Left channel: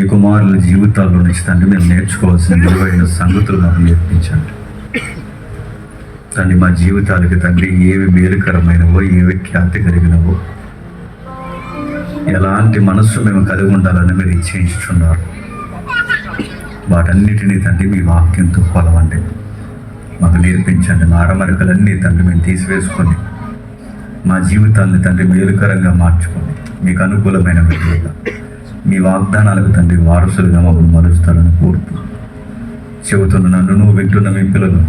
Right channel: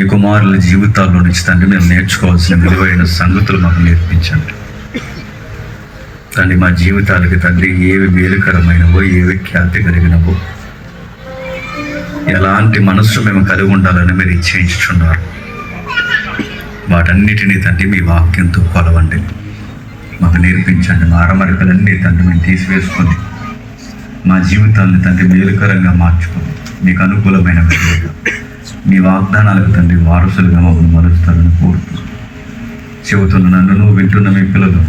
మీ కుమారుల జీవితాల్లో నుంచి తండ్రి మేము నేర్చుకోవాల్సిన విలువైన సంగతులు మాకు నేర్పించండి తండ్రి. మా జీవితాలకి తండ్రి ఏవి మేలుకరమైనవో, ఏవి ఖ్యాతి కలిగినవో, ఎలాంటి మనస్సు మేము కలిగి ఉండాలని మీరు ఇచ్చేయించుచున్నారు. వాటన్నిటినీ తండ్రి మీ వాక్యంతో కొలవండి, మాకు నేర్పించండి. మా అరమరికలన్నీ తండ్రి మేము తీసివేసుకొని మా జీవితాన్ని తండ్రి మేలుకరంగా మార్చుకొని మీకు అనుకూలమైన విధంగా మీ వాగ్దానాలకు తండ్రి వారసులుగా మమ్మల్ని మరుస్తారని కోరుతూ చెబుతున్న నన్ను వింటున్న మీ పిల్లలు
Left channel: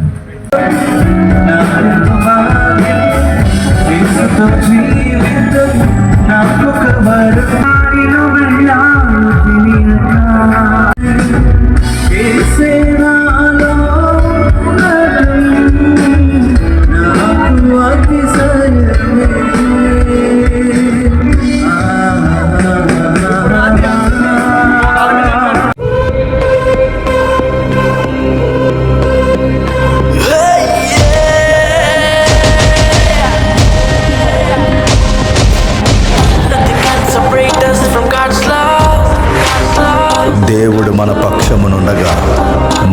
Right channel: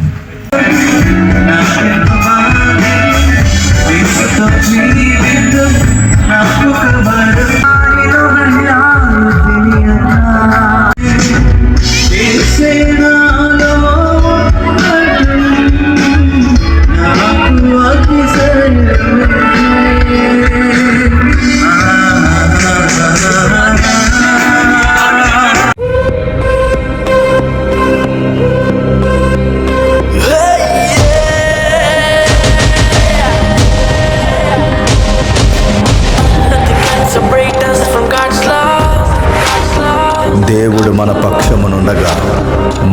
దేవుడు మన పక్షమునుండగా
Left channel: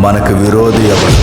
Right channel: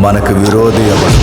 మనకు విరోధి ఎవడు?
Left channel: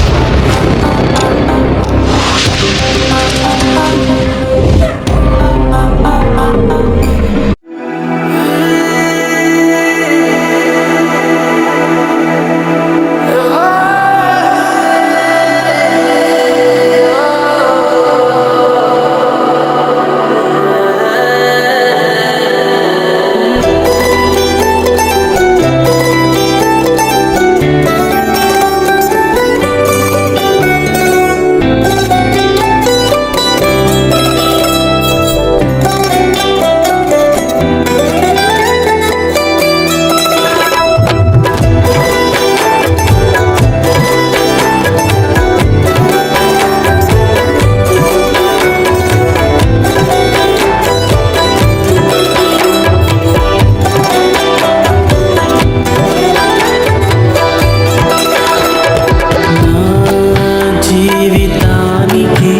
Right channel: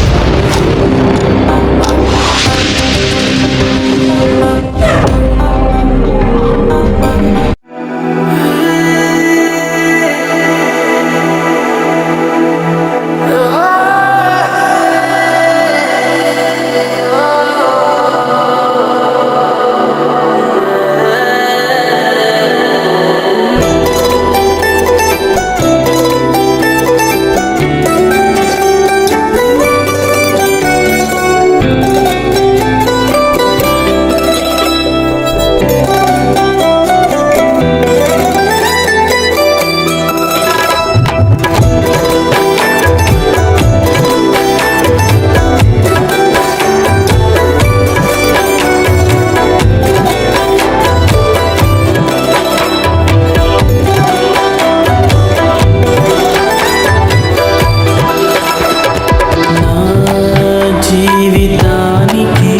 జీవితానికి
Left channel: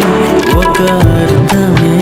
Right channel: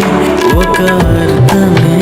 ఒక అర్థమే